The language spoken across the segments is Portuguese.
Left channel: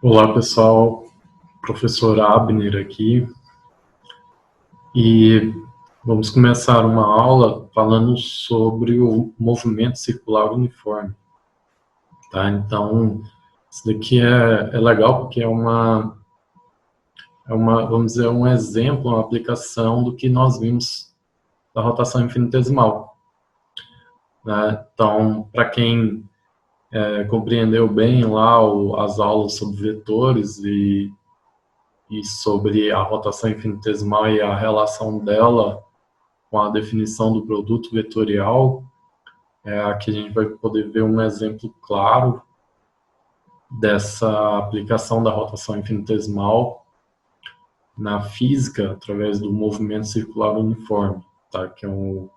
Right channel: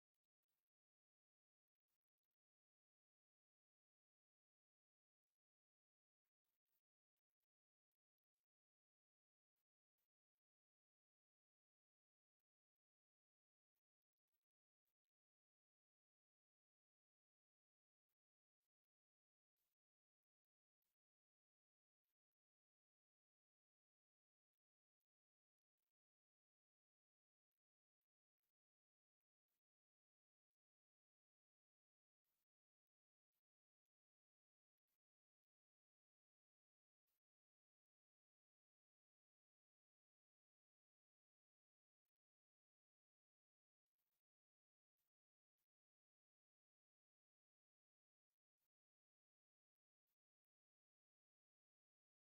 Olá pessoal, professor Abner aqui, e vamos começar uma aula falando sobre o movimento circular uniforme, tá? Então, isso daqui é legal porque vamos dizer, um exemplo, uma aplicação do que nós vimos da rotação infinitesimal, né? Então, para quem compreendeu bem lá as aulas sobre vetores e sobre a rotação infinitesimal e a relação dela com a definição do produto vetorial, aqui a gente vai poder ver um exemplo claro dessa aplicação da rotação infinitesimal na física através do movimento circular uniforme, tá? Que é do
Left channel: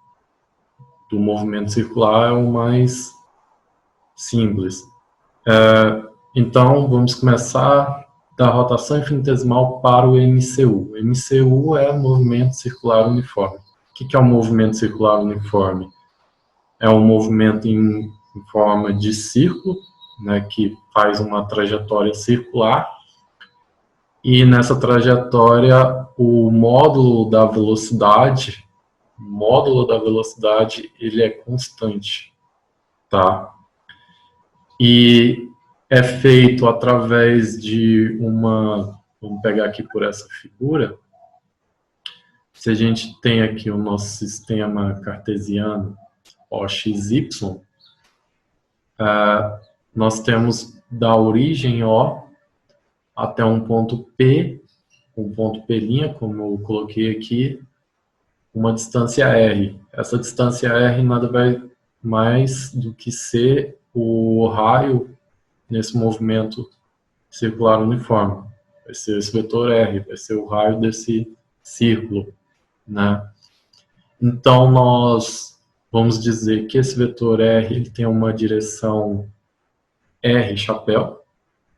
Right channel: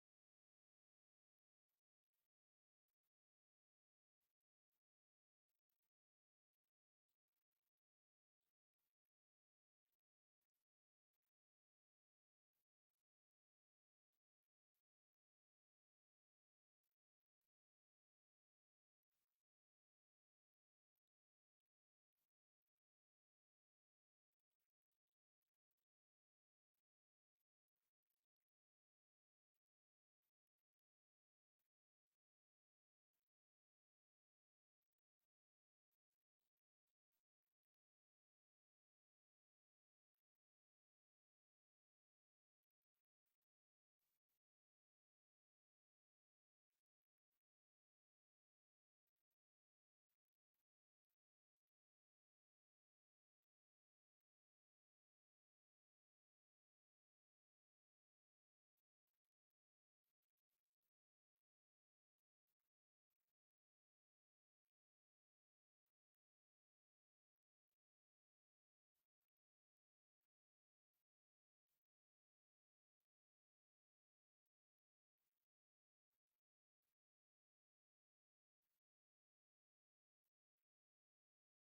movimento circular é o mais simples. Então, vamos começar da rotação infinitesimal para o MCU. O MCU é o movimento circular uniforme. O que é o movimento circular uniforme? É um movimento em forma de círculo, né, que faz uma trajetória circular, e nessa trajetória o módulo da velocidade ele é constante, tá? E é feito através de vamos pegar aqui por essa figura, se a gente tem aqui o nosso sistema cartesiano OXY, nós temos da origem O até um ponto P, um ponto P', como eu coloquei aqui, uma distância R. Essa distância R nada vai mais do que ser o raio nesse movimento circular uniforme. Vai ser esse vetor R, vai ser o raio desse círculo, né? Então, nós vamos dizer que esse vetor R ele tem uma direção R chapéu,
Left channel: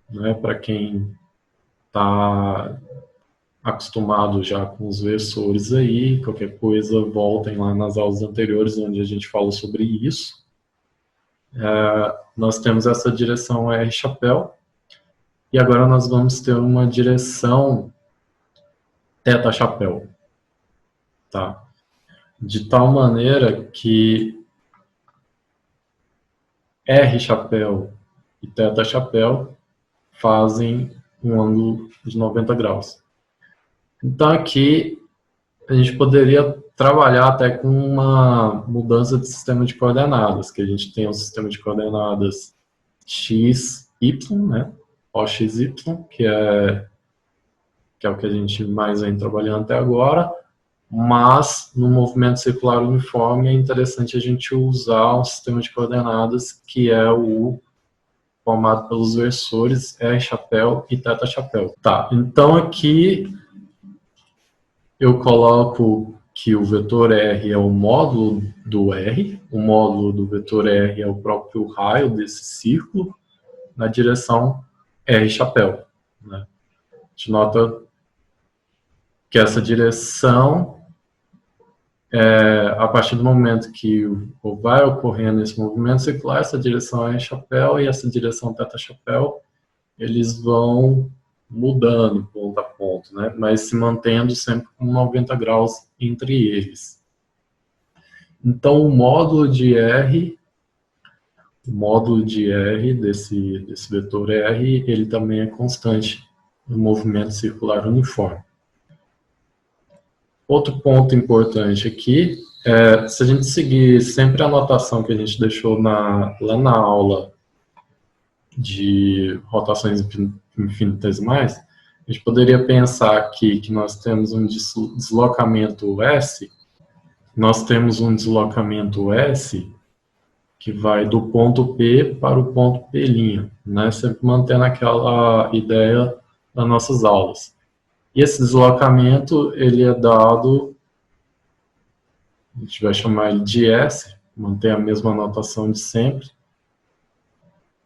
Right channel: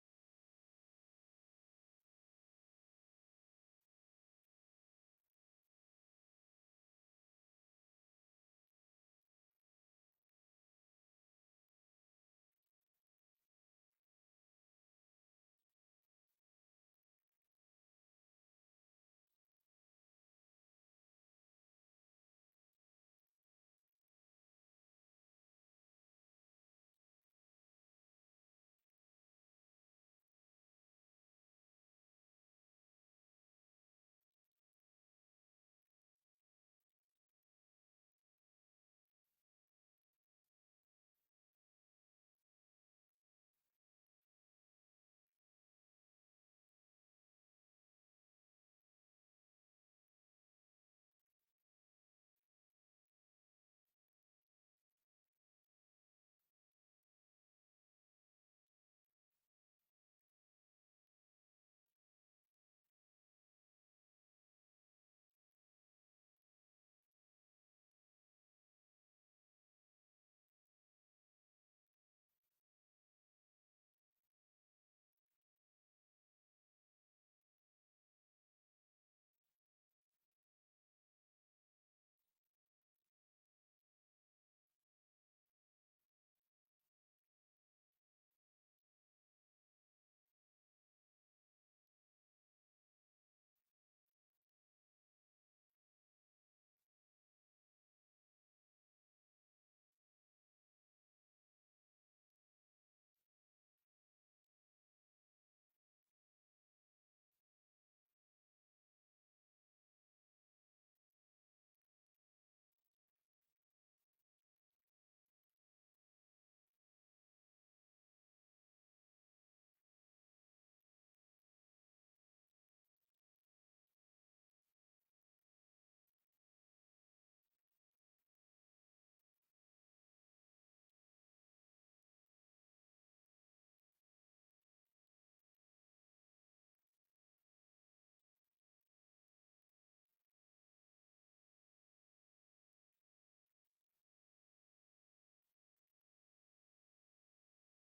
né? Para quem está acostumado já com os versores aí, qualquer coisa, voltem lá nas aulas anteriores onde a gente falou sobre isso. Nós temos essa direção R chapéu, e agora nós vamos ter uma direção θ chapéu, tá? De tal maneira que R chapéu e θ chapéu fazem um ângulo de 90 graus. Então aqui a gente poderia trabalhar até com uma mudança de sistema de coordenadas, que a gente tem um sistema de coordenadas x, y, né? OXY, que é o que a gente mais vem trabalhando até agora, mas no movimento circular uniforme é interessante a gente usar um sistema de coordenadas que é o formado pelos versores R chapéu e θ chapéu. Tá, então aqui eu coloco que o vetor R é o módulo do R, o módulo do vetor R é o próprio raio desse círculo, na direção R chapéu, né? A gente nota que essa direção, a partir do momento que vai ocorrendo esse movimento circular, essa direção R chapéu e essa direção θ chapéu, eles vão mudando ponto a ponto, né? Mas se mantendo sempre com 90 graus entre eles. Então, o módulo de R desse vetor R, ele também é constante no movimento circular uniforme. Outro ponto importante aqui se a gente seguir sempre a notação que a gente deixou lá na aula de rotações infinitesimais, a gente poderia pensar aqui que nós temos um deslocamento S, nós temos um deslocamento S que vai do ponto P para o ponto P', né? Sempre mantendo aquela ideia das nossas aulas. E esse deslocamento, ele é dado, a gente vai chamar ele de S, mantém a mesma notação de sempre,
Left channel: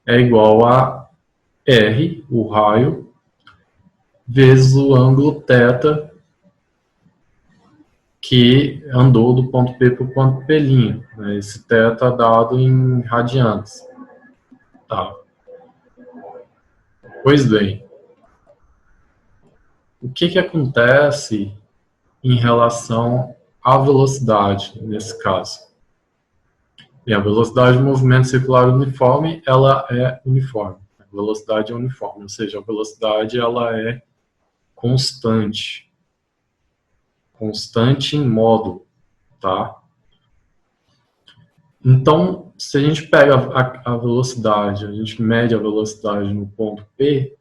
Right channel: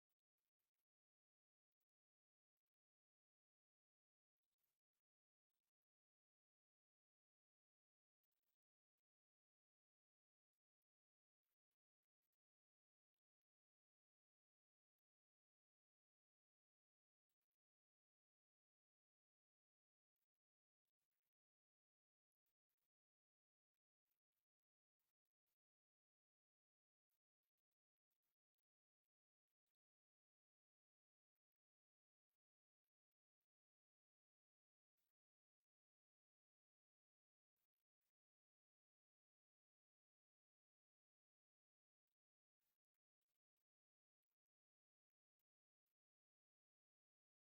é igual a R, o raio, vezes o ângulo θ que andou do ponto P para o ponto P'. Né? Esse θ é dado em radianes. Tá. Pois bem, O que acontece em relação à velocidade, nesse caso? E a velocidade de movimento circular uniforme, ela é uniforme. A velocidade é uniforme, ou seja, a velocidade ela é constante. Constante em módulo, tá? Então, se a gente pega a velocidade, a gente mede a velocidade no ponto P,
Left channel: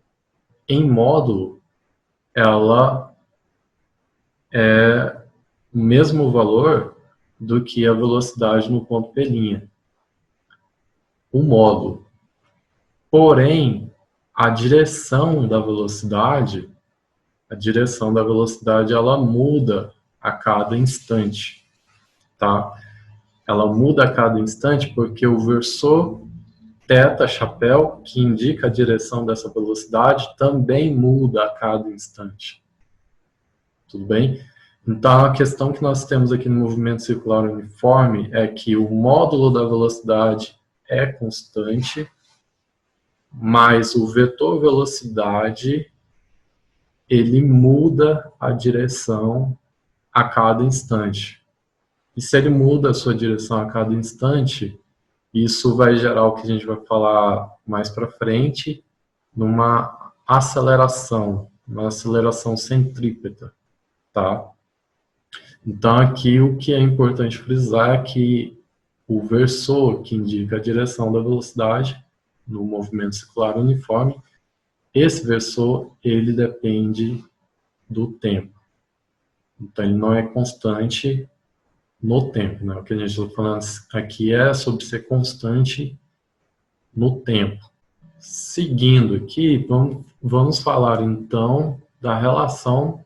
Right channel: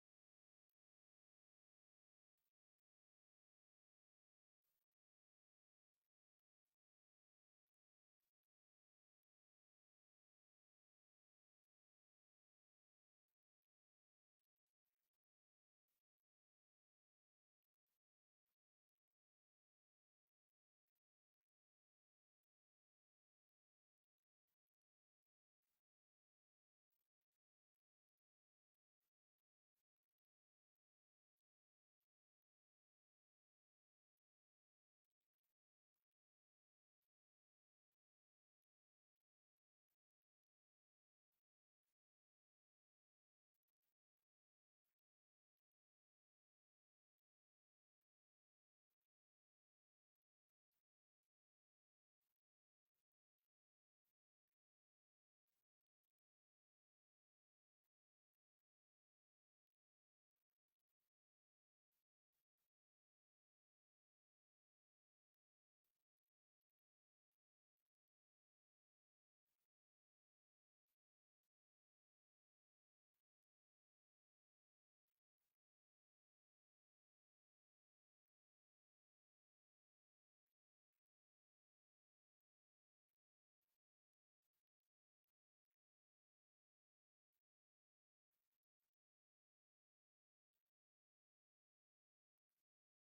em módulo, ela é o mesmo valor do que a velocidade no ponto P', o módulo. Porém, a direção da velocidade ela muda a cada instante, tá? Ela muda a cada instante porque o versor θ chapéu, que indica a direção dessa velocidade, também muda a cada instante. Tudo bem? Então, a questão que nós temos aqui no movimento circular uniforme é que o módulo da velocidade é constante, mas o vetor velocidade ele muda a direção a cada instante. E se ele muda a sua direção a cada instante, isso vai gerar o que a gente vai falar mais para frente, numa aceleração, uma aceleração centrípeta, tá? Então aqui o que é importante frisar é que o versor, que indica a direção da velocidade no movimento circular uniforme, esse versor ele depende do tempo. Então ele não é constante no tempo, né? O que a gente está falando aqui é sobre ser constante no tempo. Seguindo aqui, vamos falar então da relação,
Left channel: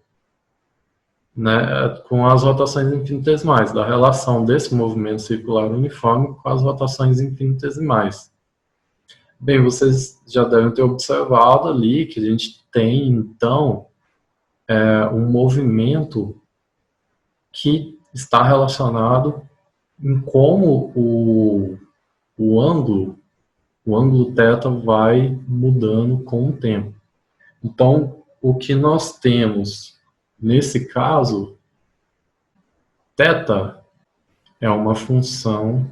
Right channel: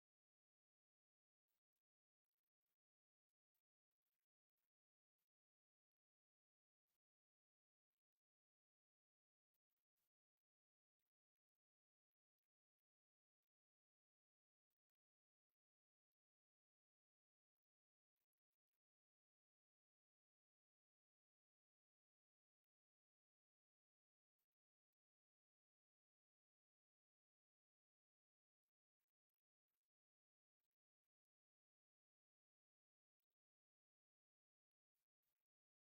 né, com as rotações infinitesimais, da relação desse movimento circular uniforme com as rotações infinitesimais. Bem, vocês já devem ter observado ali que a gente tem, então, um movimento que está relacionado em como o ângulo θ vai mudando com o tempo. Então, o que nós temos nesse caso, θ é uma função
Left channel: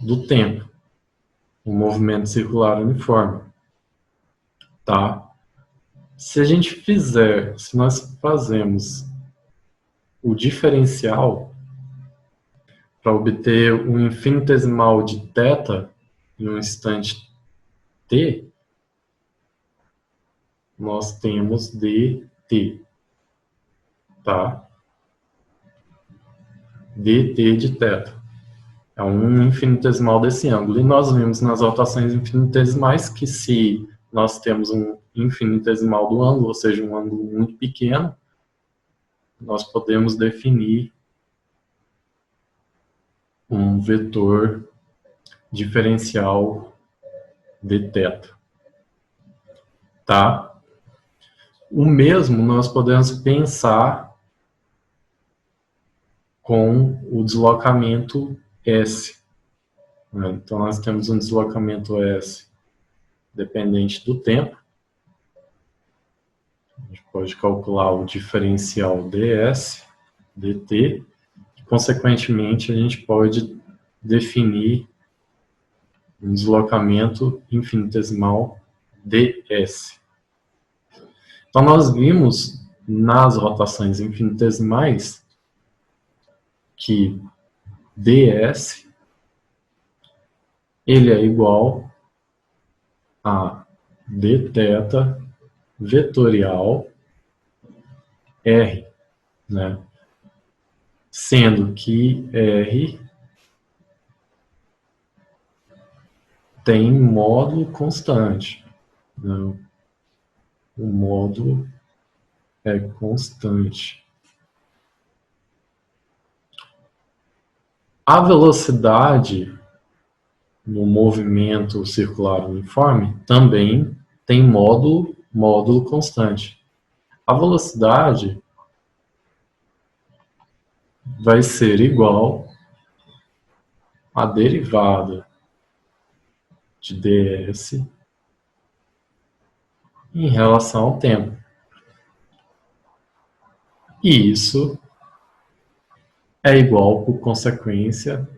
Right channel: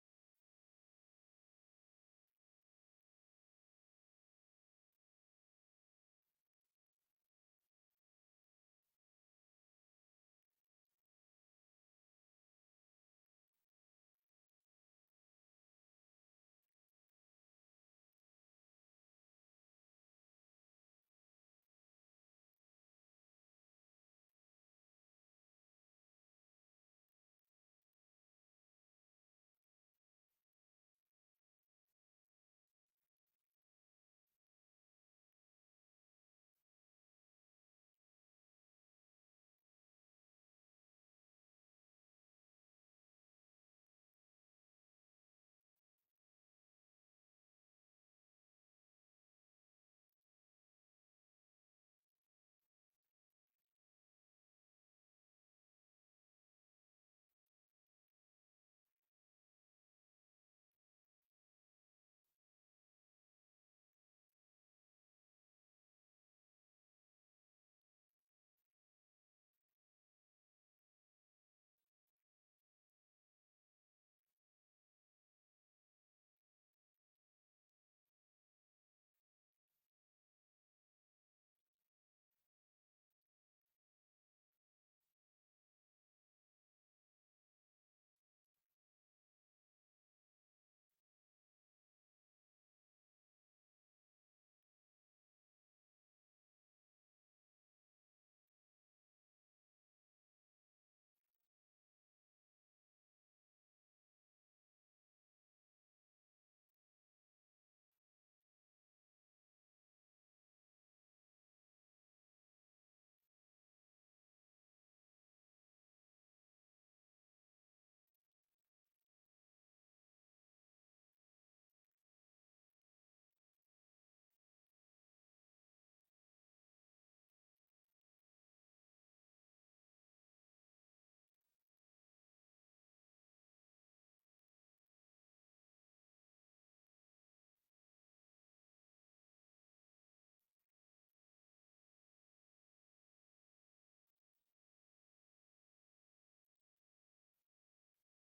do tempo, um movimento circular uniforme, tá? Se nós fazemos o diferencial para obter um infinitesimal de θ em um instante t, nós temos dt, tá? dt de θ. É um infinitesimal desse ângulo. E nós vimos nas rotações infinitesimais que se nós temos um infinitesimal do ângulo, ou seja, um ângulo muito pequeno, nós podemos definir um vetor diferencial de θ. Tá? O mesmo nós podemos pensar com o deslocamento S. Então, nós temos um deslocamento S dependente do tempo. A gente pode calcular o diferencial ds, dt, e, consequentemente, a gente pode definir um deslocamento infinitesimal ds. Então, nós vimos nas rotações infinitesimais que ds ele é igual a dθ vetorial r, né? Sendo que r tem módulo constante, né? O módulo é constante. A velocidade no movimento circular uniforme também tem módulo constante. A velocidade vai ser igual à derivada de ds em relação ao tempo. E isso é igual, por consequência,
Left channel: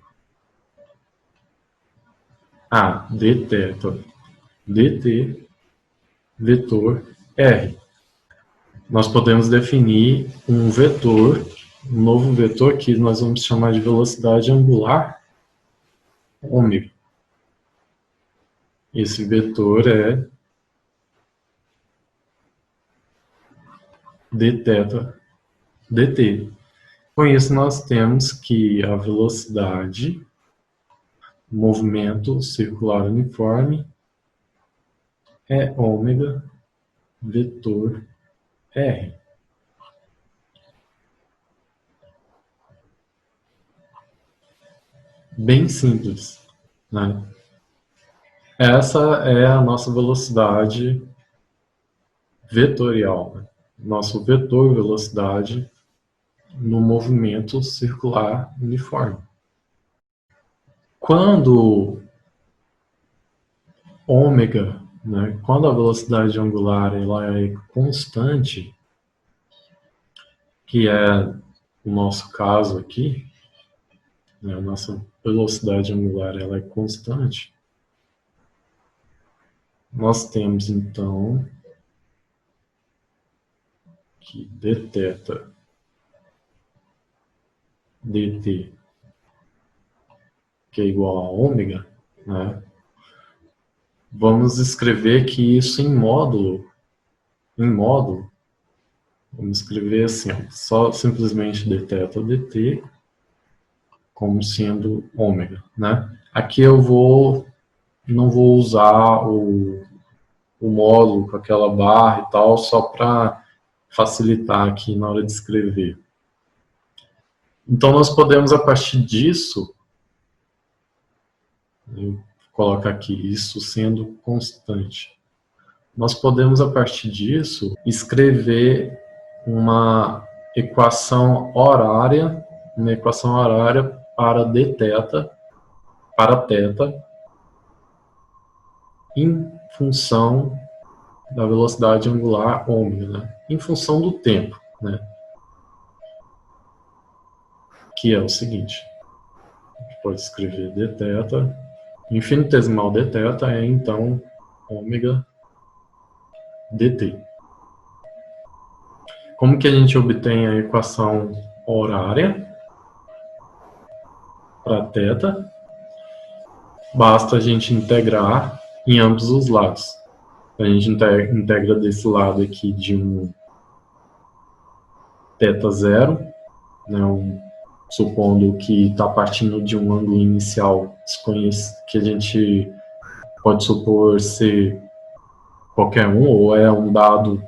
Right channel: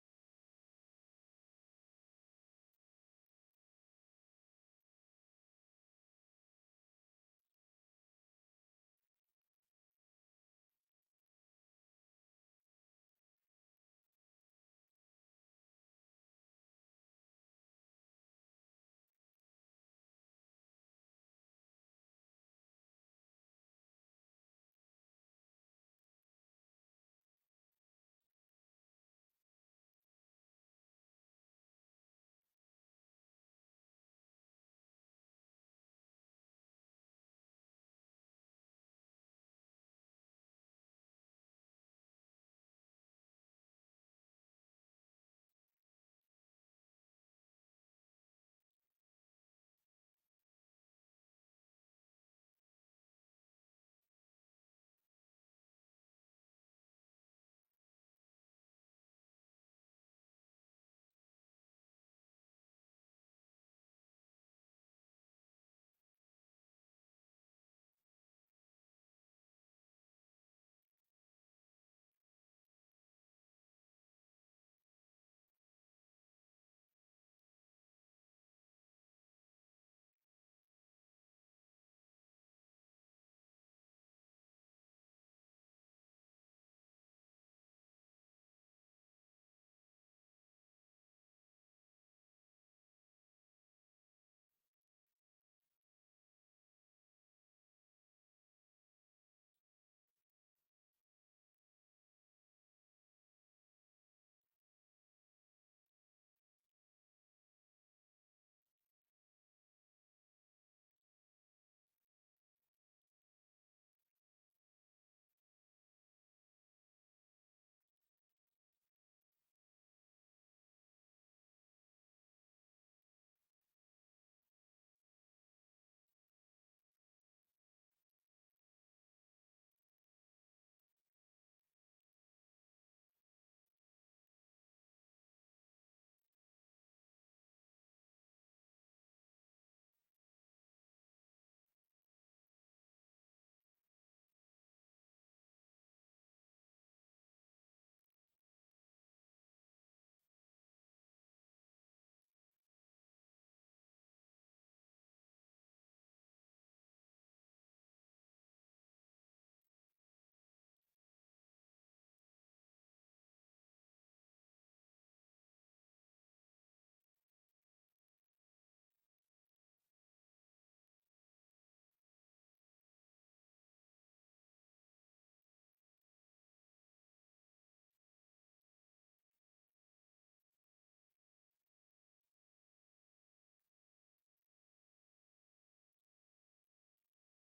a dθ dt vetor r. Nós podemos definir um vetor, um novo vetor que nós vamos chamar de velocidade angular ômega. Esse vetor é dθ dt. Com isso, nós temos que a velocidade do movimento circular uniforme é ômega vetor r. Bem simples, né? Essa é a nossa velocidade vetorial, né? Nosso vetor velocidade no movimento circular uniforme. Quando ômega, né, quando a velocidade angular ela é constante, que é o nosso caso aqui, né, a nossa velocidade angular ela é constante, nós temos então que dθ dt, que é igual a ômega, né? Vamos escrever que isso em módulo, vamos escrever assim, só simplesmente dθ dt como sendo ômega, né? Aqui eu não vou usar o módulo com aquela barra e tal, só para facilitar aqui na hora de escrever. Então nós podemos, a partir disso, eu coloco aqui isso sendo constante. Nós podemos, a partir disso, escrever uma equação horária para dθ, para θ, em função da velocidade angular ômega, né? Em função do tempo, né? Que é o seguinte, a gente pode escrever dθ, infinitesimal dθ é então ômega dt. Como que a gente obtém a equação horária para θ? Basta a gente integrar em ambos os lados. A gente integra desse lado aqui de um θ0, né, supondo que está partindo de um ângulo inicial que a gente pode supor ser qualquer um, ou é um dado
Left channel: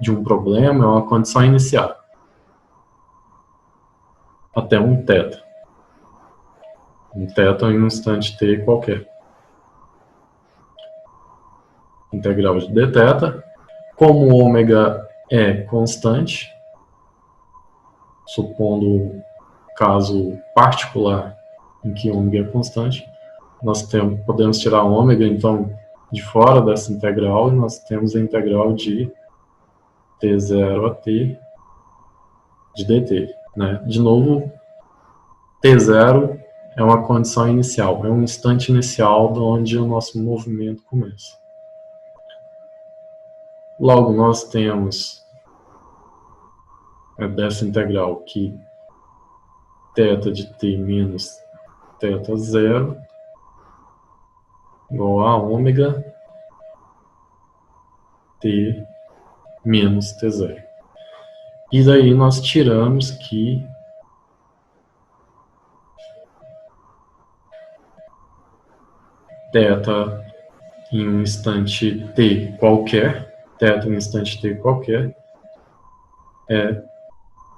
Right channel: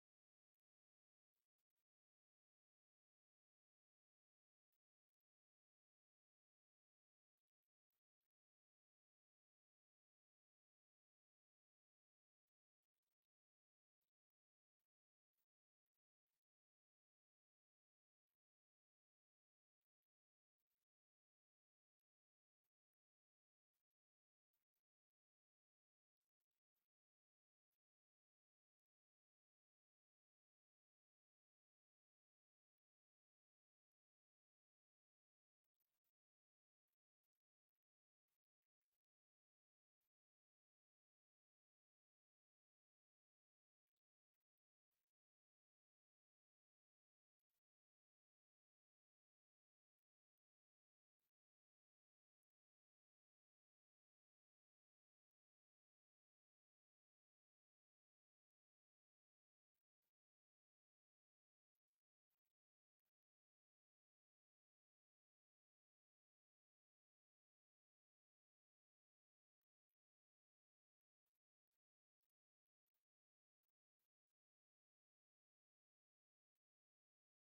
de um problema, é uma condição inicial, até um θ. Um θ em um instante t qualquer. Integral de dθ. Como o ômega é constante, supondo caso particular em que ômega é constante, nós podemos tirar ômega, então, de fora dessa integral, e nós temos a integral de t0 a t de dt. Né? De novo, t0 é uma condição inicial, é um instante inicial de onde o nosso movimento começa. Logo, nós temos dessa integral que θ de t menos θ0 igual a ômega t menos t0. E daí nós tiramos que θ em um instante t qualquer, θ em um instante t qualquer,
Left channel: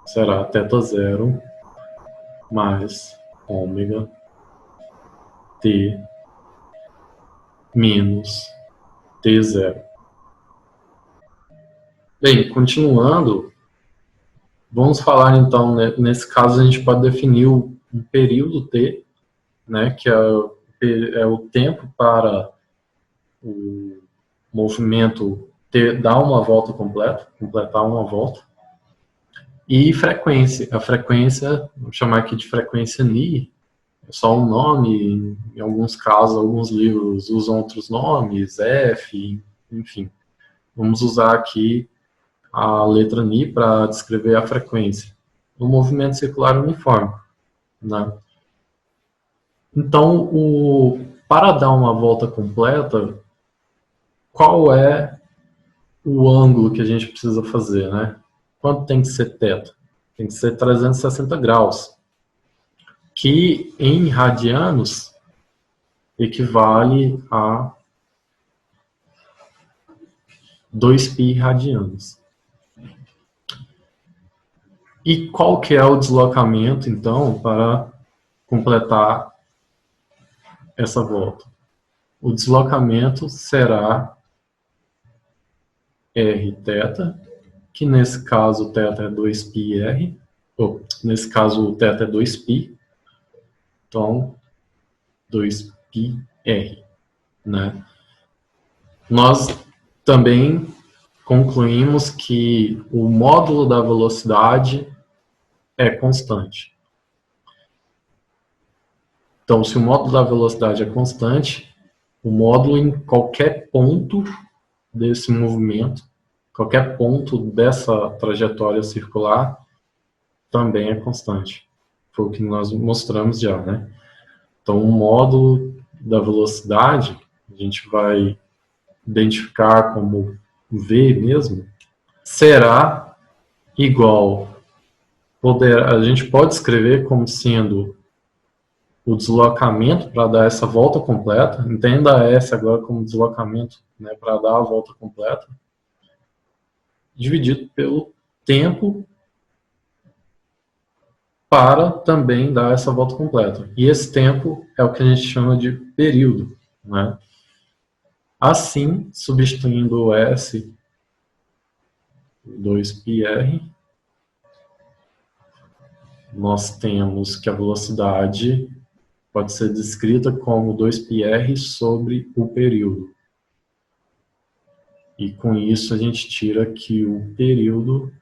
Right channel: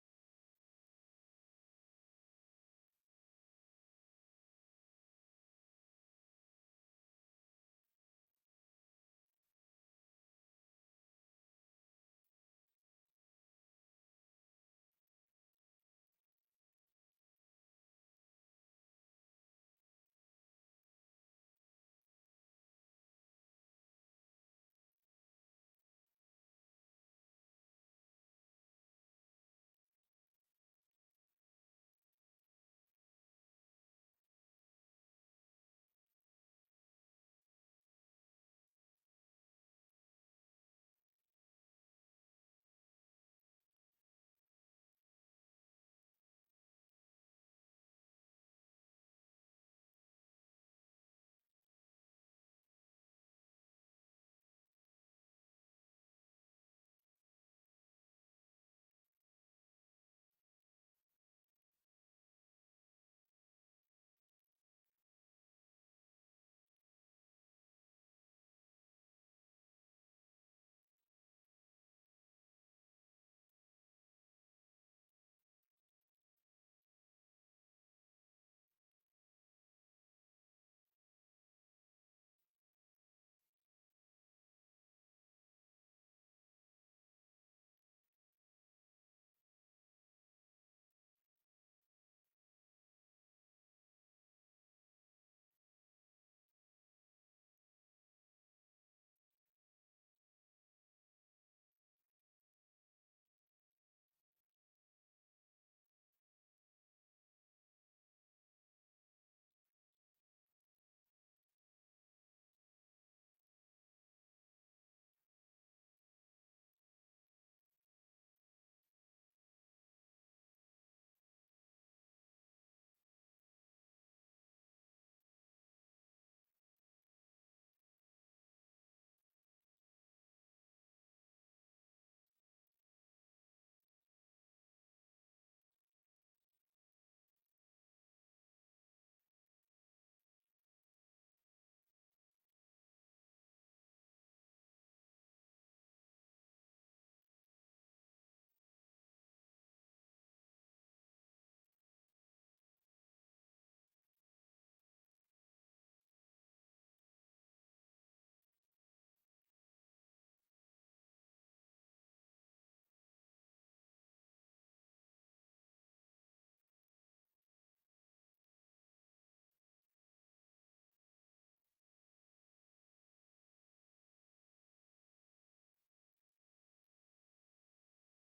será θ0 mais ômega t menos t0. Bem, continuando, vamos falar então, né, nesse caso a gente pode definir um período t, né, que é o tempo para o movimento dar uma volta completa, completar uma volta. E frequência. A frequência, vamos chamar aqui de frequência Ni, é só um nome, em alguns casos, alguns livros usam outros nomes, F, enfim. Vamos usar aqui a letra Ni para descrever a frequência. No movimento circular uniforme, né? Então, para dar uma volta completa, qual é o ângulo que a gente precisa fazer, né? Quanto tem que ser θ? Tem que ser 360 graus, que em radianos equivale a 2π radianos. E qual que é o deslocamento, então, para completar essa volta? O deslocamento será rθ, que nesse caso o θ é 2πr, ou nesse caso o θ é 2π, então 2πr, né? Nós também concluímos que o módulo da velocidade é constante. Então, se o módulo da velocidade é constante, o módulo em qualquer ponto desse movimento, qualquer ponto dessa trajetória circular, também é constante. Foi o que nós mostramos já, né? Então, o módulo da velocidade, a gente vai identificar como V mesmo, será igual, a gente pode escrever como sendo o deslocamento para dar essa volta completa, entenda a S agora como deslocamento, né, para dar a volta completa, dividido pelo tempo para também dar essa volta completa. E esse tempo é o que a gente chama de período, né? Assim, substituindo o S, 2πr, nós temos que a velocidade pode ser descrita como 2πr sobre o período. E com isso a gente tira que o período,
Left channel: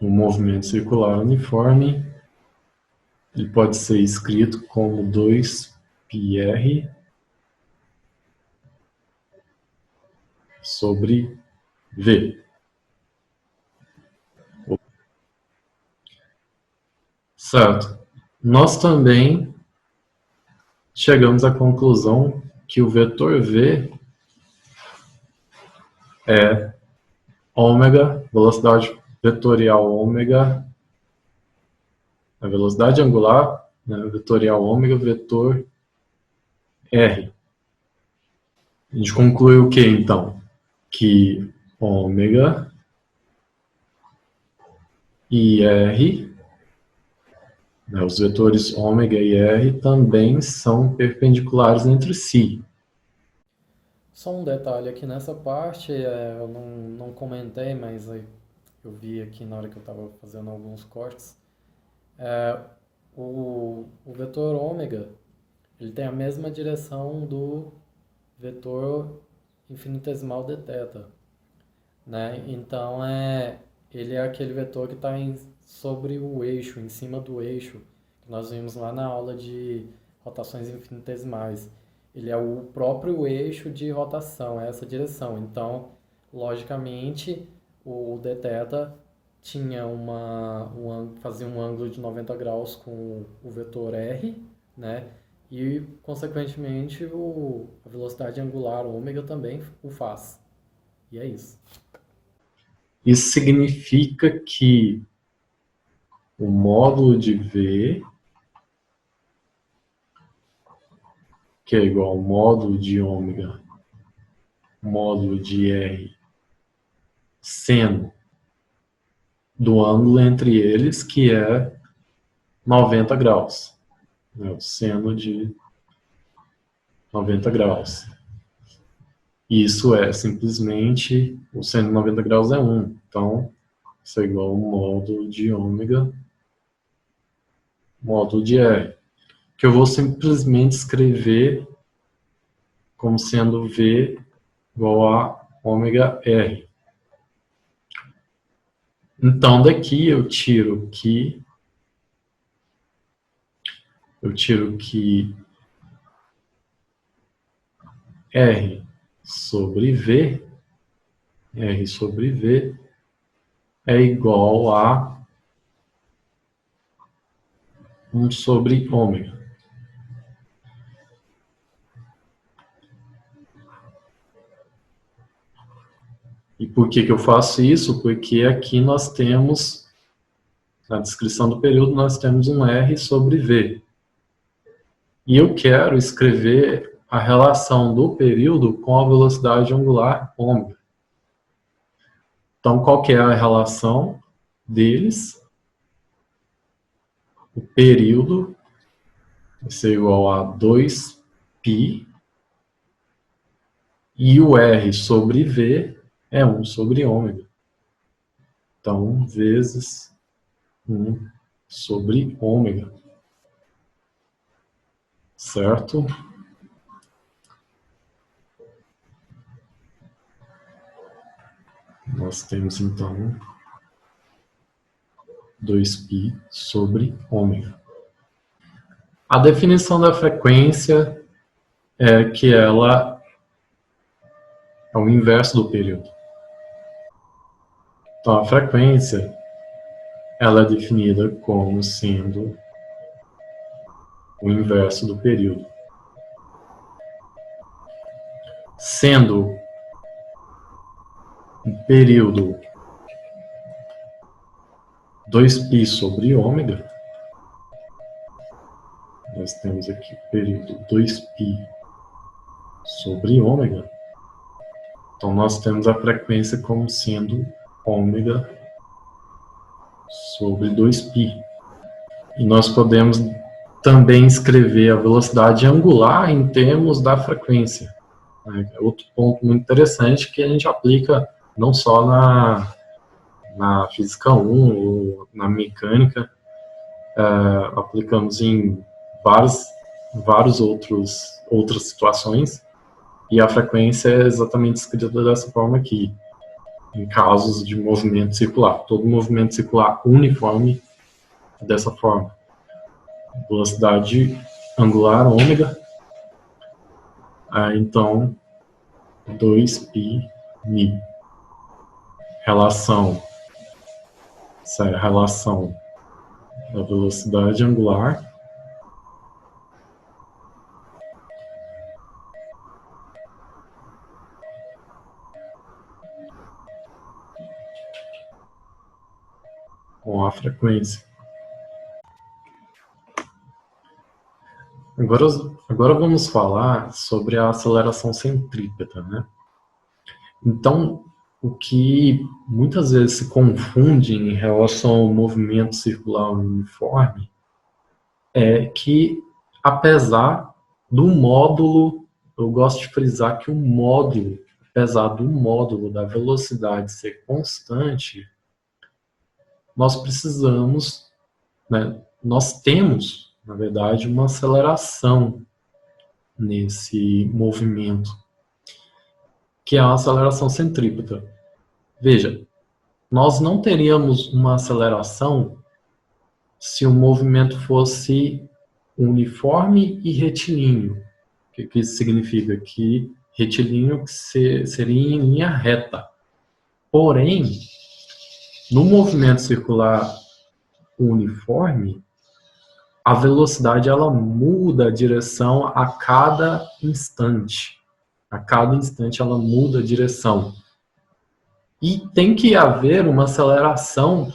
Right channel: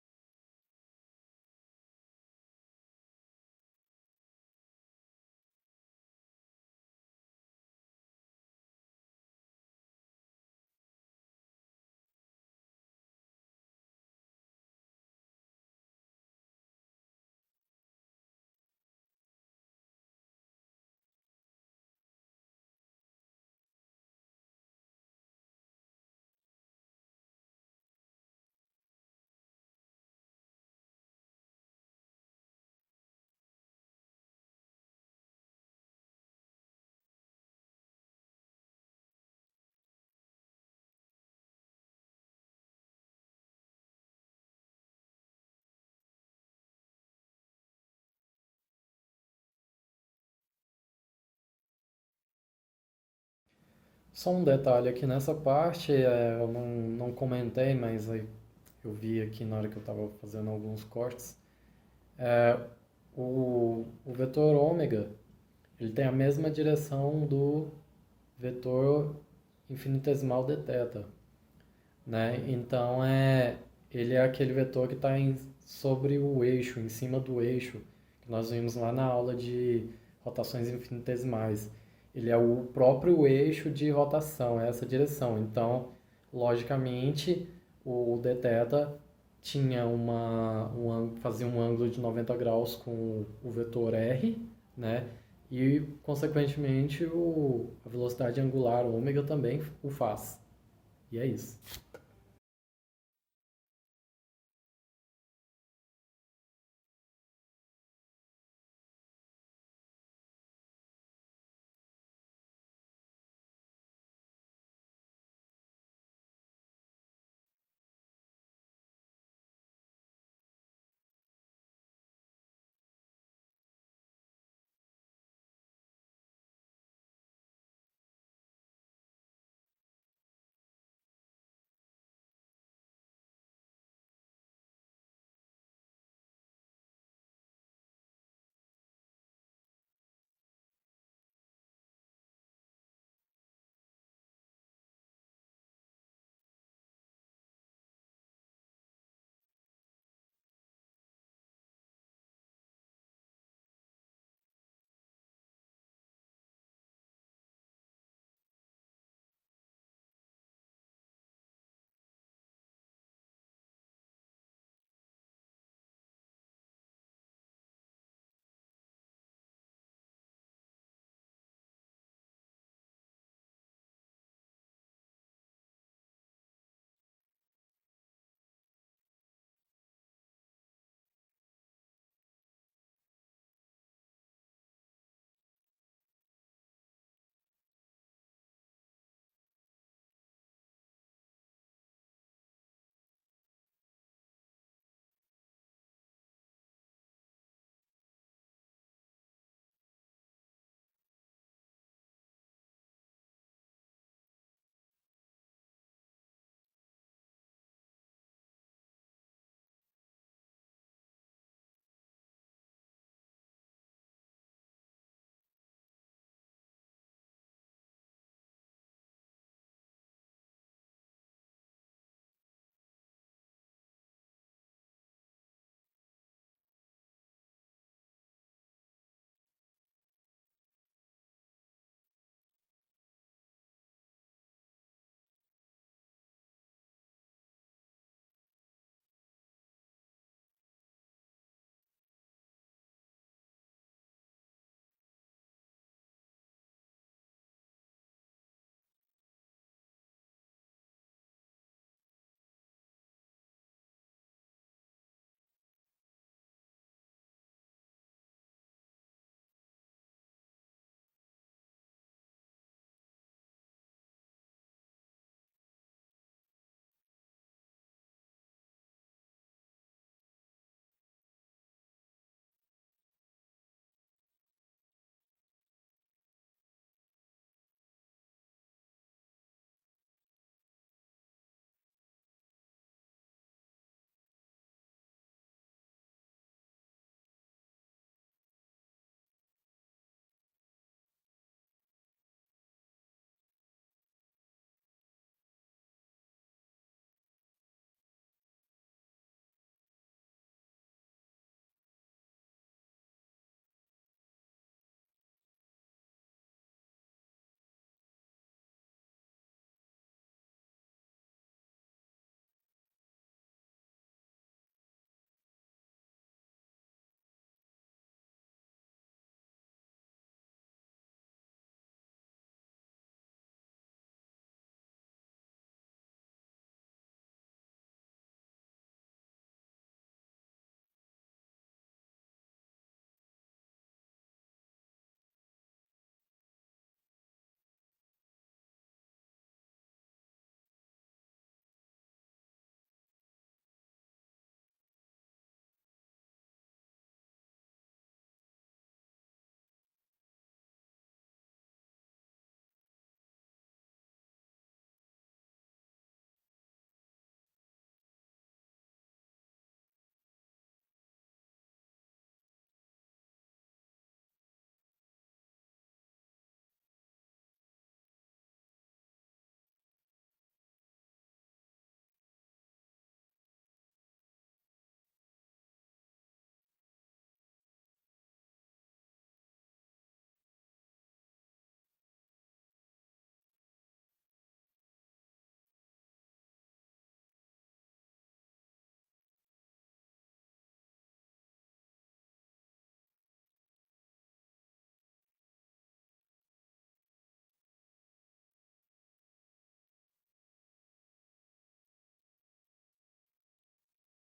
o movimento circular uniforme, ele pode ser escrito como 2πr sobre V. Certo. Nós também chegamos à conclusão que o vetor V é ômega, velocidade vetorial ômega, a velocidade angular, né, vetorial ômega, vetor R. A gente conclui o que, então? Que ômega e R, né, os vetores ômega e R também são perpendiculares entre si. Só um detalhe aqui nessa parte, eu não comentei, mas eu vi aqui na hora que eu estava fazendo alguns cortes. O vetor ômega, ele tem a mesma direção do vetor infinitesimal de θ, né? Então, ele é aquele vetor que está sobre o eixo, em cima do eixo, que nós vimos lá na aula de rotações infinitesimais. Ele é o próprio eixo de rotação, é essa direção. Então, logicamente, o dθ tinha fazia um ângulo de 90 graus com o vetor r, né? E, consequentemente, a velocidade angular ômega também o faz. E é isso. Isso significa que o módulo de V, que é igual ao módulo de ômega, módulo de R, seno do ângulo entre eles, que é 90 graus. Né? O seno de 90 graus. Isso é simplesmente, o seno de 90 graus é 1. Então, isso é igual ao módulo de ômega, módulo de R. Que eu vou simplesmente escrever como sendo V igual a ômega R. Então, daqui eu tiro que R sobre V é igual a 1 sobre ômega. E por que eu faço isso? Porque aqui nós temos, na descrição do período, nós temos um R sobre V. E eu quero escrever a relação do período com a velocidade angular ômega. Então, qual que é a relação deles? O período vai ser igual a 2π e o R sobre V é 1 sobre ômega. Então, 1 vezes 1 sobre ômega. Certo? Nós temos, então, 2π sobre ômega. A definição da frequência é que ela é o inverso do período. Então, a frequência ela é definida como sendo o inverso do período. Sendo um período 2π sobre ômega, nós temos aqui o período 2π sobre ômega, então nós temos a frequência como sendo ômega sobre 2π. E nós podemos também escrever a velocidade angular em termos da frequência. É outro ponto muito interessante que a gente aplica não só na física 1 ou na mecânica, aplicamos em vários outras situações, e a frequência é exatamente escrita dessa forma aqui, em casos de movimento circular. Todo movimento circular uniforme é dessa forma. Velocidade angular ômega, então 2π μ. Essa é a relação da velocidade angular com a frequência. Agora vamos falar sobre a aceleração centrípeta, né? Então, o que muitas vezes se confunde em relação ao movimento circular uniforme é que, apesar do módulo, eu gosto de frisar que o módulo, apesar do módulo da velocidade ser constante, nós precisamos, né, nós temos, na verdade, uma aceleração nesse movimento, que é a aceleração centrípeta. Veja, nós não teríamos uma aceleração se o movimento fosse uniforme e retilíneo. O que isso significa? Que retilíneo seria em linha reta. Porém, no movimento circular uniforme, a velocidade ela muda a direção a cada instante. A cada instante ela muda a direção. E tem que haver uma aceleração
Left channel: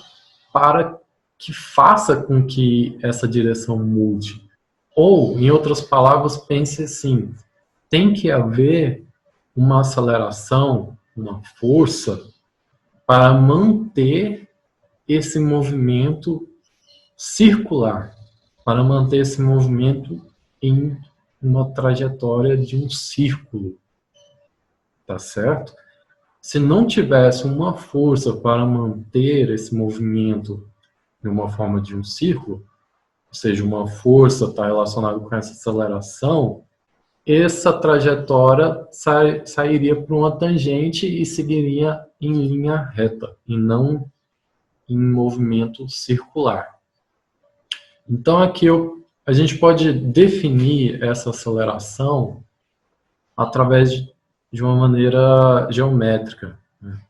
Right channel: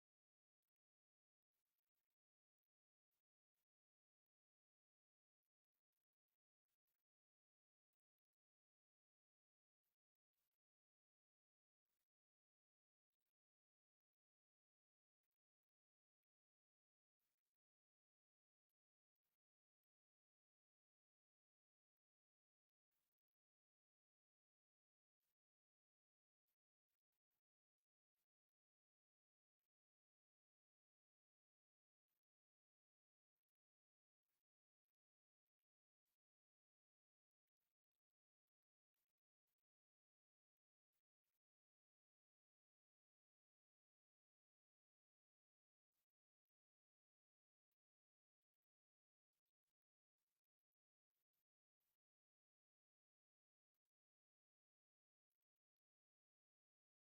para que faça com que essa direção mude. Ou, em outras palavras, pense assim, tem que haver uma aceleração, uma força, para manter esse movimento circular, para manter esse movimento em uma trajetória de um círculo, tá certo? Se não tivesse uma força para manter esse movimento de uma forma de um círculo, ou seja, uma força está relacionada com essa aceleração, essa trajetória sairia por uma tangente e seguiria em linha reta, e não em movimento circular. Então aqui a gente pode definir essa aceleração através de uma maneira geométrica, né?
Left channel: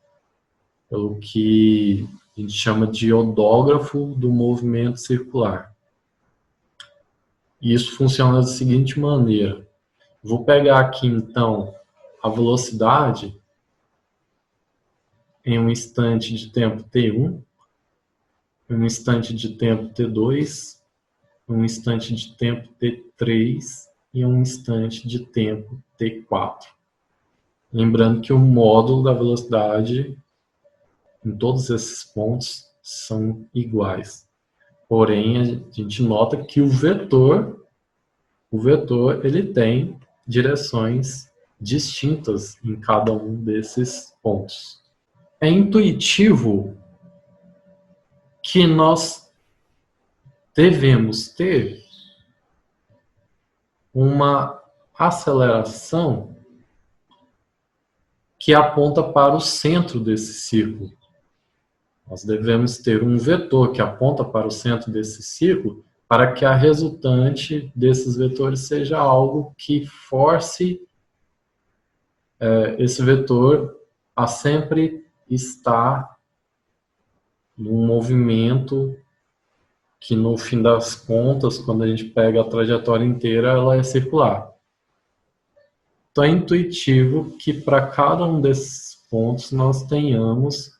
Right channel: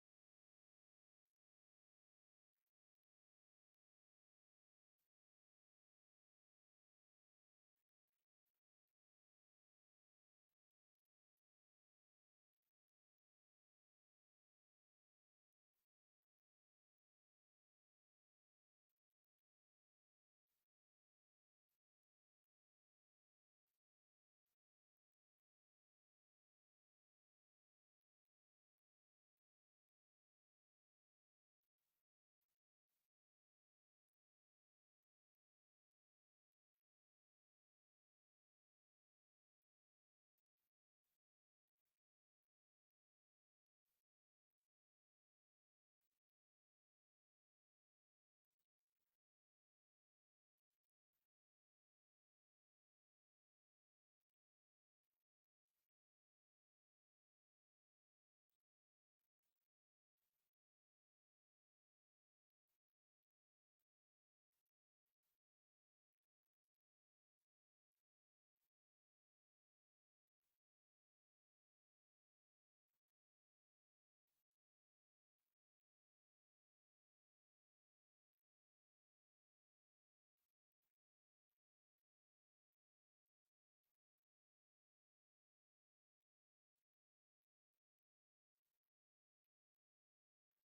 Pelo que a gente chama de odógrafo do movimento circular. E isso funciona da seguinte maneira. Vou pegar aqui, então, a velocidade em um instante de tempo t1, em um instante de tempo t2, um instante de tempo t3 e um instante de tempo t4. Lembrando que o módulo da velocidade em todos esses pontos são iguais. Porém, a gente nota que o vetor ele tem direções distintas em cada um desses pontos. É intuitivo que nós devemos ter uma aceleração que aponta para o centro desse círculo. Nós devemos ter um vetor que aponta para o centro desse círculo para que a resultante desses vetores seja algo que force esse vetor a sempre estar num movimento que, no fim das contas, quando a gente pega a trajetória inteira, ela é circular. Então é intuitivo que para cada um desses pontos nós tenhamos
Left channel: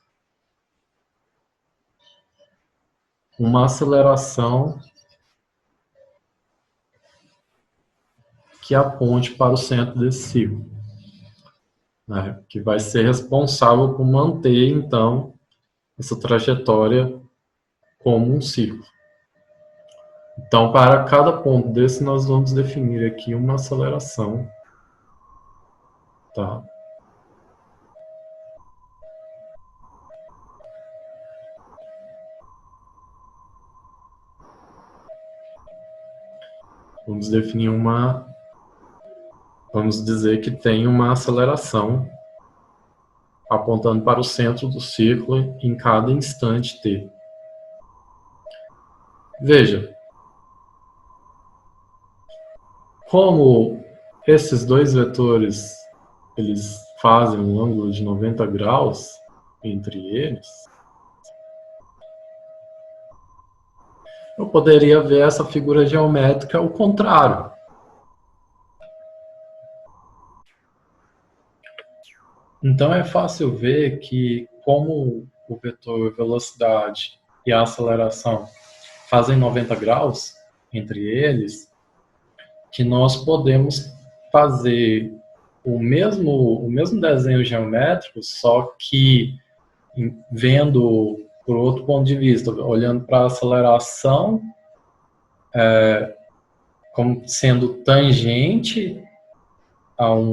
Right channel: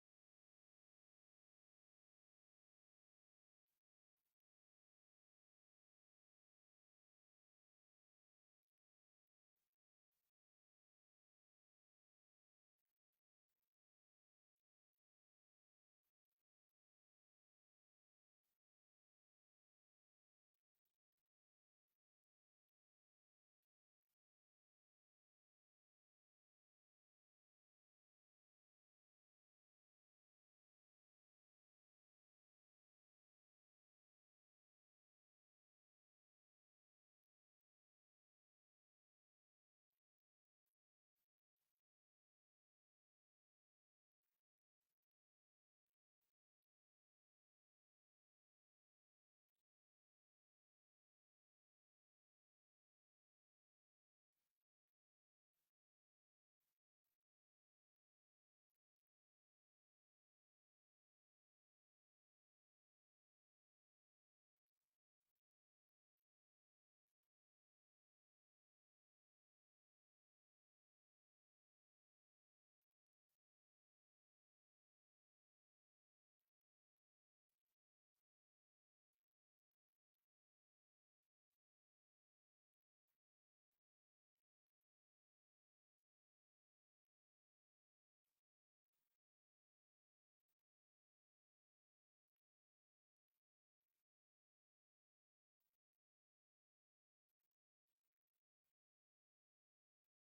uma aceleração que aponte para o centro desse círculo, né? Que vai ser responsável por manter, então, essa trajetória como um círculo. Então, para cada ponto desse, nós vamos definir aqui uma aceleração, tá? Vamos definir vamos dizer que tem uma aceleração apontando para o centro do círculo em cada instante t. Veja, como esses dois vetores eles fazem um ângulo de 90 graus entre eles, eu poderia ver essa figura geométrica ao contrário. Então é fácil ver que, como o vetor velocidade e a aceleração fazem 90 graus entre eles, que nós podemos fazer o mesmo desenho geométrico, só que vendo por outro ponto de vista, olhando para a aceleração como sendo tangente ao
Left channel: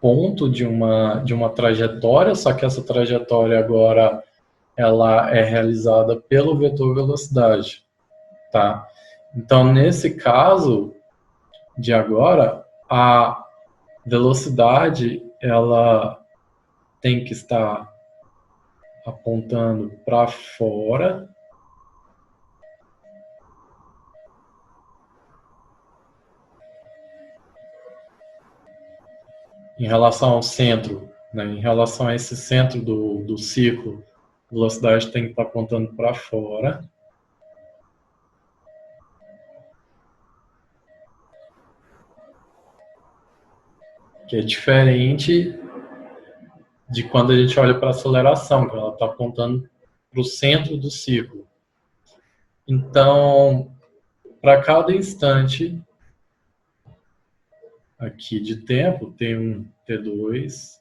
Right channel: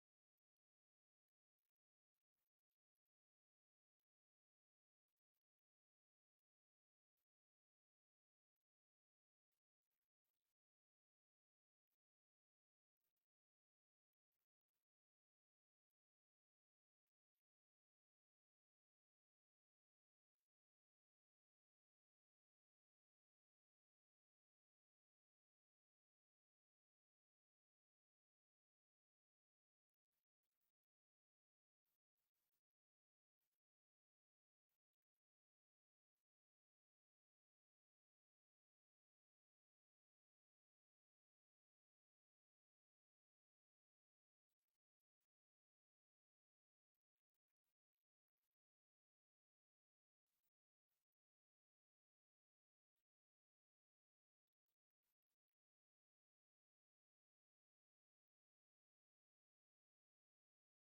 ponto de uma trajetória, só que essa trajetória agora ela é realizada pelo vetor velocidade, tá? Então, nesse caso de agora, a velocidade ela tem que estar apontando para fora em relação ao centro, né? Em relação a esse centro do ciclo, a velocidade tem que estar apontando para fora. Que é diferente de quando a gente olha para a aceleração, que ela está apontando para o centro do ciclo. Então, para cada instante aqui de tempo, T1, T2,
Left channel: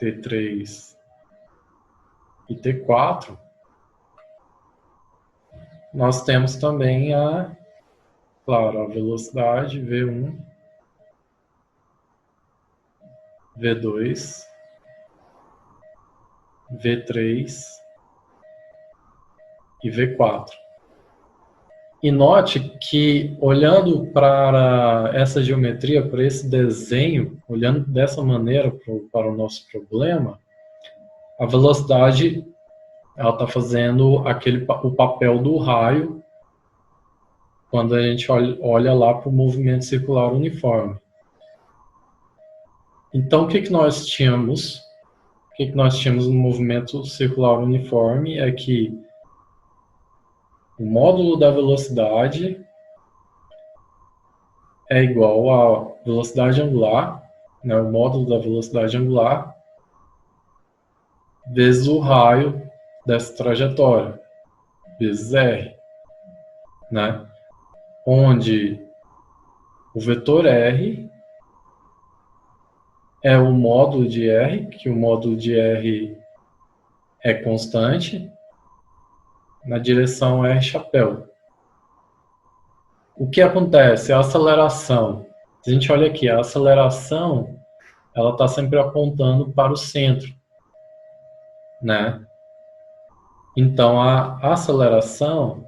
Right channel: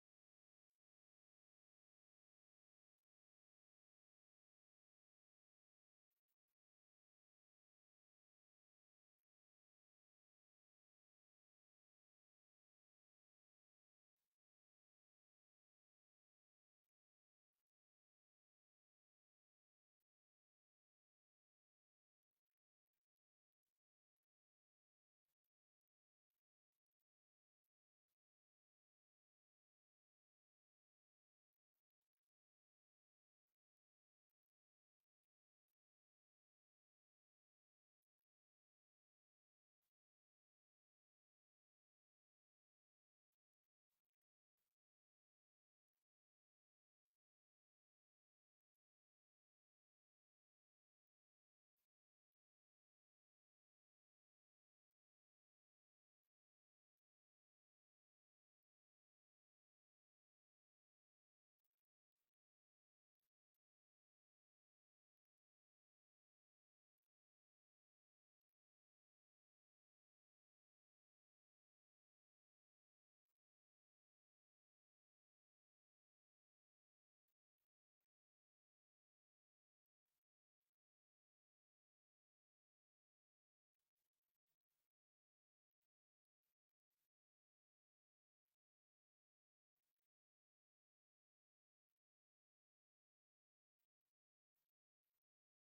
T3 e T4, nós temos também claro, a velocidade V1, V2, V3 e V4. E note que, olhando para essa geometria, para esse desenho, olhando dessa maneira para o nosso problema, A velocidade, ela está fazendo o papel do raio quando a gente olha lá para o movimento circular uniforme. Então, o que nós tínhamos? O que nós tínhamos no movimento circular uniforme é que o módulo da velocidade é igual à velocidade angular, né, o módulo da velocidade angular, vezes o raio dessa trajetória, vezes r, né? Onde o vetor r é o módulo de r, que o módulo de r é constante, na direção r chapéu. O que acontece? A aceleração. A gente olha aqui, a aceleração, ela está sempre apontando para o centro, né? Então, a aceleração,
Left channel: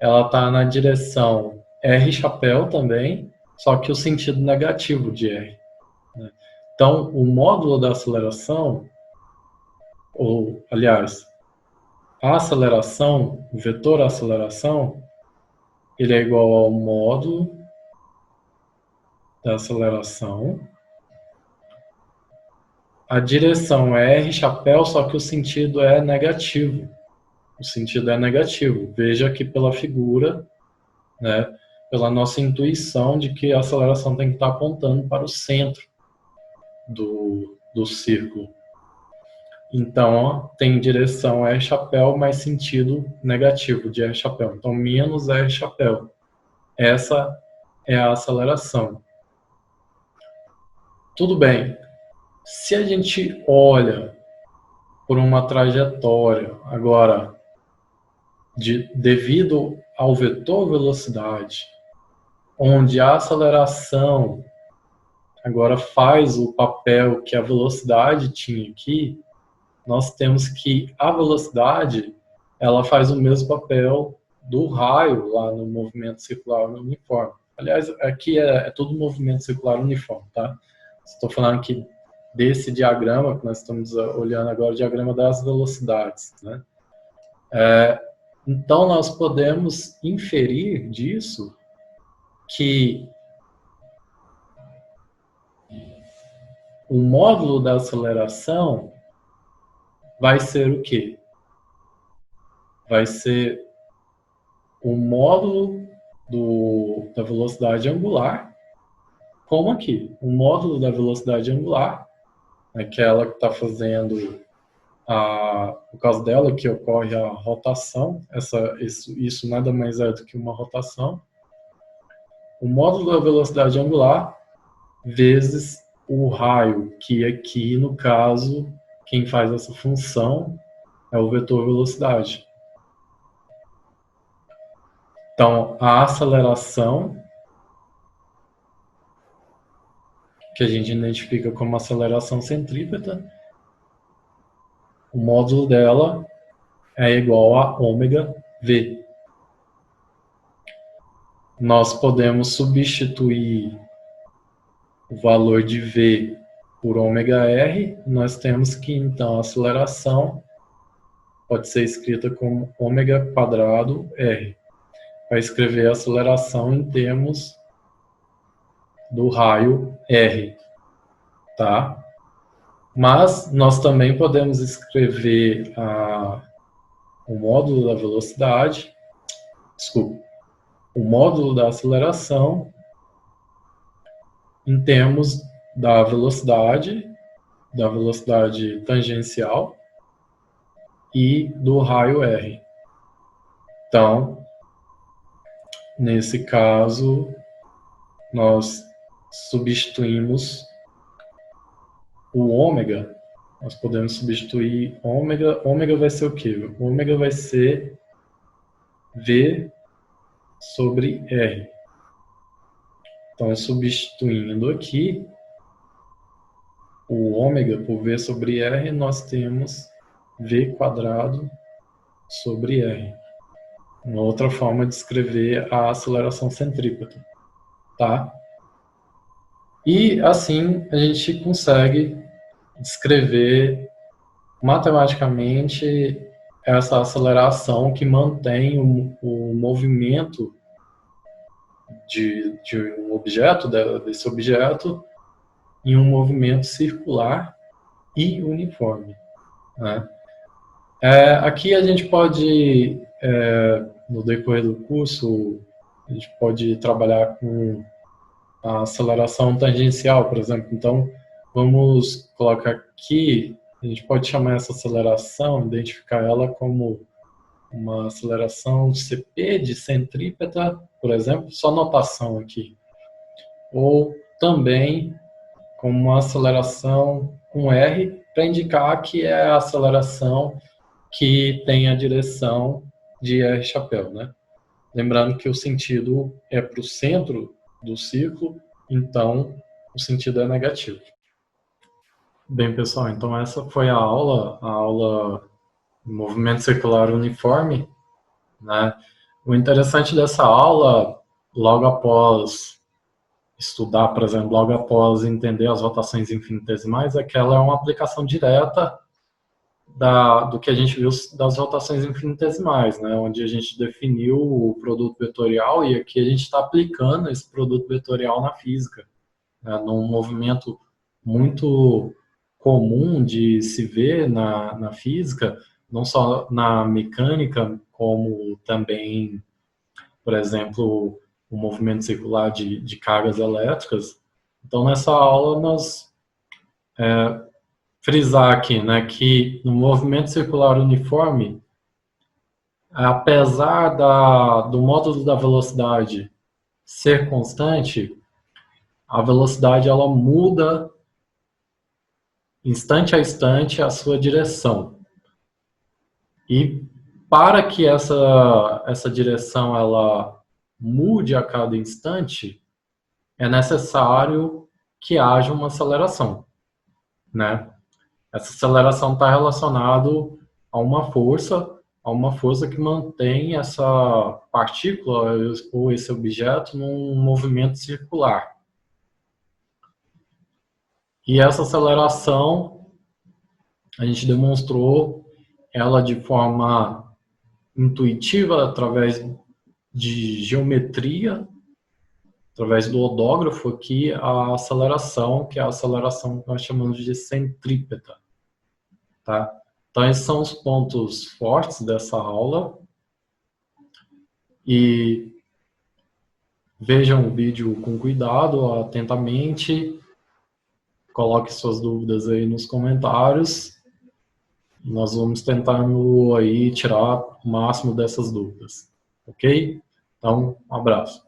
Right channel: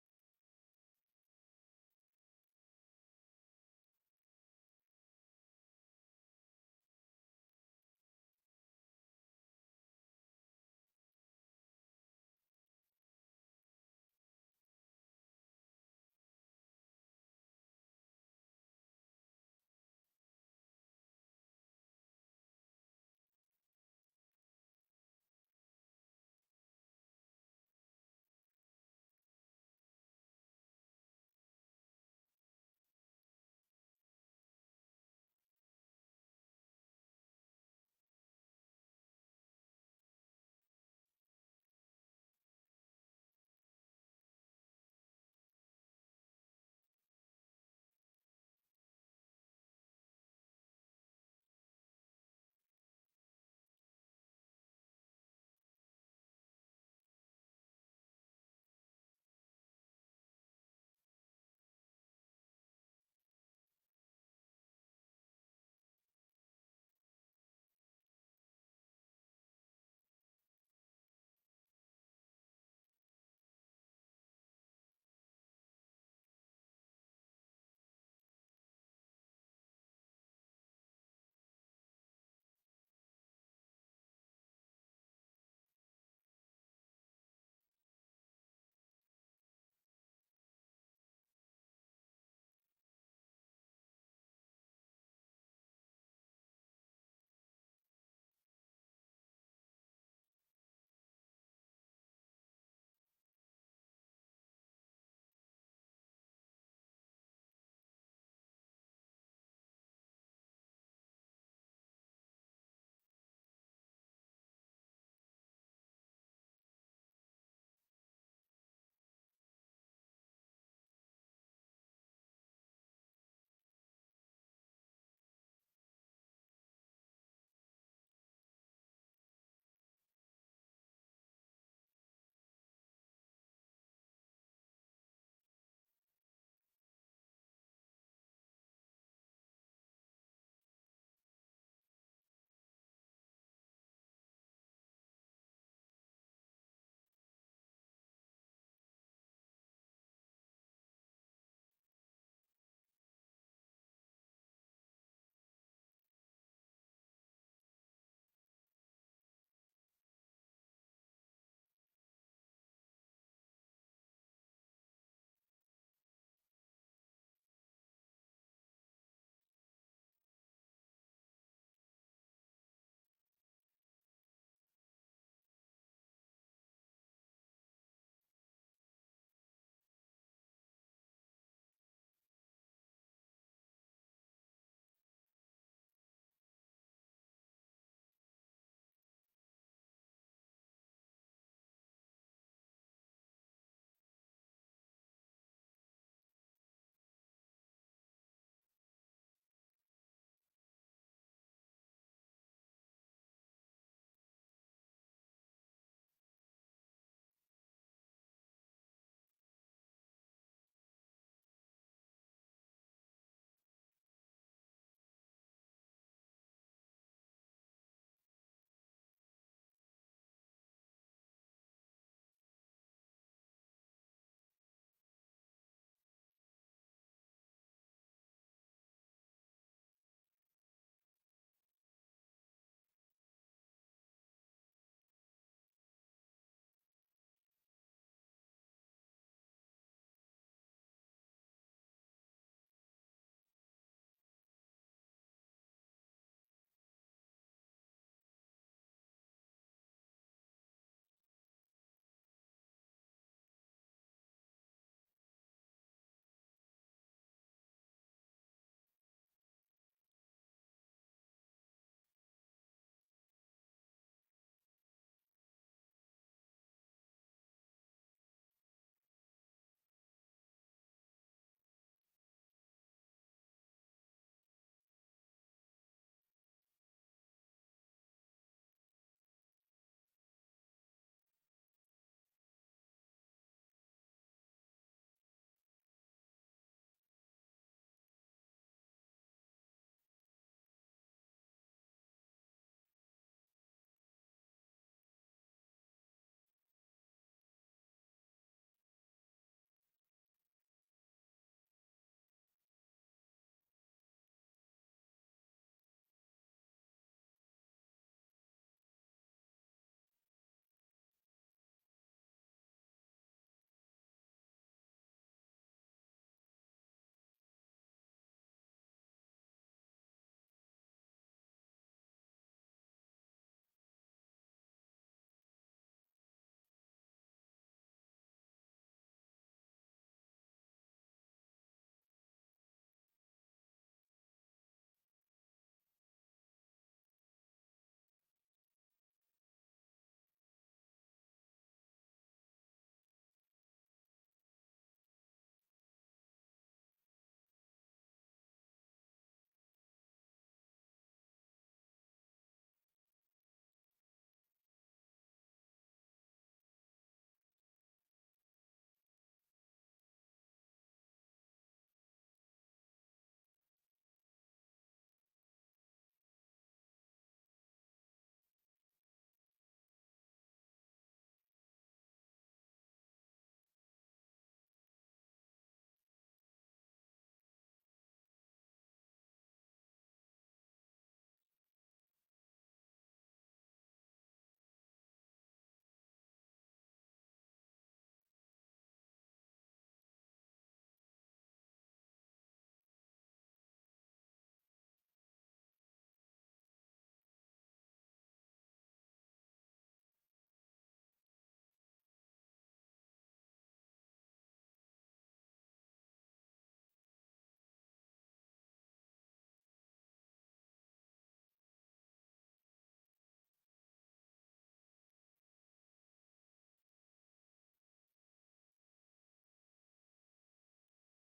ela está na direção r chapéu também, só que o sentido negativo de r, né? Então, o módulo da aceleração, ou, aliás, a aceleração, o vetor aceleração, ele é igual ao módulo da aceleração. A direção é r chapéu, só que o sentido é negativo. O sentido é negativo. Veja aqui pela figura, né, pela nossa intuição de que a aceleração tem que estar apontando para o centro do círculo. Então, ó, tem direção R chapéu, mas sentido negativo de R chapéu. Então, menos R chapéu. Essa é a aceleração. Tudo bem. Se a gente olha por uma trajetória, agora, devido ao vetor velocidade, onde a aceleração agora faz o papel que a velocidade tinha aqui, nós temos que a velocidade, ela faz o mesmo papel do raio lá no movimento circular uniforme. Aliás, aqui é tudo movimento circular uniforme, tá? Estou falando aqui desse diagrama que nós estamos olhando agora, o diagrama das velocidades, né? Então, nós podemos inferir disso que o módulo da aceleração vai ser o quê? Vai ser o módulo da velocidade angular, como aqui. O módulo da velocidade angular, aquela que está fazendo, por causa dela que ocorre a rotação, isso nada mais é do que uma rotação. O módulo da velocidade angular vezes o raio, que aqui, no caso, quem faz essa função é o vetor velocidade. Então, a aceleração, que a gente identifica como aceleração centrípeta, o módulo dela é igual a ômega v. Nós podemos substituir o valor de v por ômega r, nós temos que, então, a aceleração pode ser escrita como ômega quadrado r. Vai escrever a aceleração em termos do raio r, tá? Mas nós também podemos escrever o módulo da velocidade, o módulo da aceleração em termos da velocidade tangencial e do raio r. Então, nesse caso, nós substituímos o ômega, nós podemos substituir ômega. Ômega vai ser o quê? Ômega vai ser V sobre R. Então, substituindo aqui o ômega por V sobre R, nós temos V quadrado sobre R. Uma outra forma de escrever a aceleração centrípeta, tá? E assim a gente consegue descrever matematicamente essa aceleração que mantém o movimento de um objeto, desse objeto, em um movimento circular e uniforme, né? Aqui a gente pode, no decorrer do curso, a gente pode trabalhar com a aceleração tangencial, por exemplo. Então, vamos colocar aqui, a gente pode chamar essa aceleração, identificar ela como uma aceleração CP de centrípeta, por exemplo, só notação aqui. Ou também como uma aceleração com R, para indicar que é a aceleração que tem a direção de R chapéu, né? Lembrando que o sentido é para o centro do círculo, então o sentido é negativo. Bem, pessoal, então essa foi a aula de movimento circular uniforme, né? O interessante dessa aula, logo após estudar, por exemplo, logo após entender as rotações infinitesimais, é que ela é uma aplicação direta do que a gente viu das rotações infinitesimais, né? Onde a gente definiu o produto vetorial e aqui a gente está aplicando esse produto vetorial na física, né? Num movimento muito comum de se ver na física, não só na mecânica, como também, por exemplo, o movimento circular de cargas elétricas. Então, nessa aula, nós frisar aqui, né, que no movimento circular uniforme, apesar do módulo da velocidade ser constante, a velocidade ela muda instante a instante a sua direção. E para que essa direção ela mude a cada instante, é necessário que haja uma aceleração, né? Essa aceleração está relacionada a uma força que mantém essa partícula ou esse objeto num movimento circular. E essa aceleração, a gente demonstrou ela de forma intuitiva através de geometria, através do odógrafo aqui, a aceleração, que é a aceleração que nós chamamos de centrípeta. Tá? Então, esses são os pontos fortes dessa aula. E vejam o vídeo com cuidado, atentamente. Coloque suas dúvidas aí nos comentários. Nós vamos tentar aí tirar o máximo dessas dúvidas. Ok? Então, um abraço.